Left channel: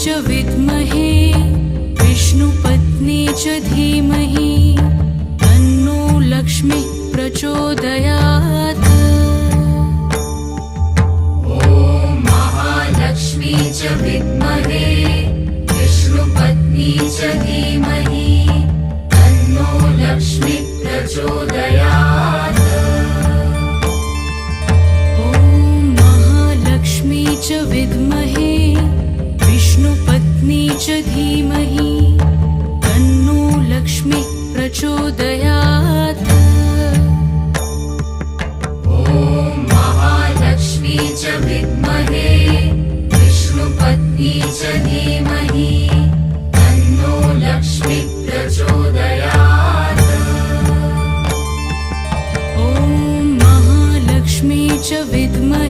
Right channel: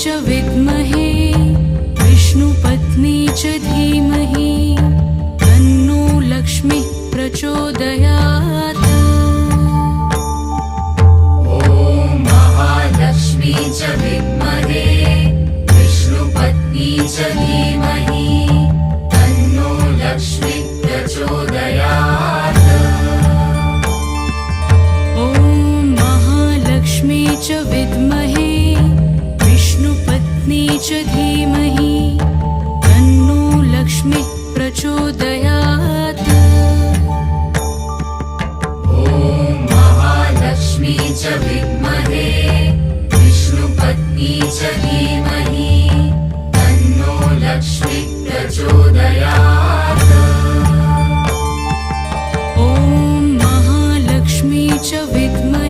च विद्महे विष्णुपत्नी च धीमहि तन्नो लक्ष्मी प्रचोदयात्। महालक्ष्मी च विद्महे विष्णुपत्नी च धीमहि तन्नो लक्ष्मी प्रचोदयात्। ॐ महालक्ष्मी च विद्महे विष्णुपत्नी च धीमहि तन्नो लक्ष्मी प्रचोदयात्। महालक्ष्मी च विद्महे विष्णुपत्नी च धीमहि तन्नो लक्ष्मी प्रचोदयात्। ॐ महालक्ष्मी च विद्महे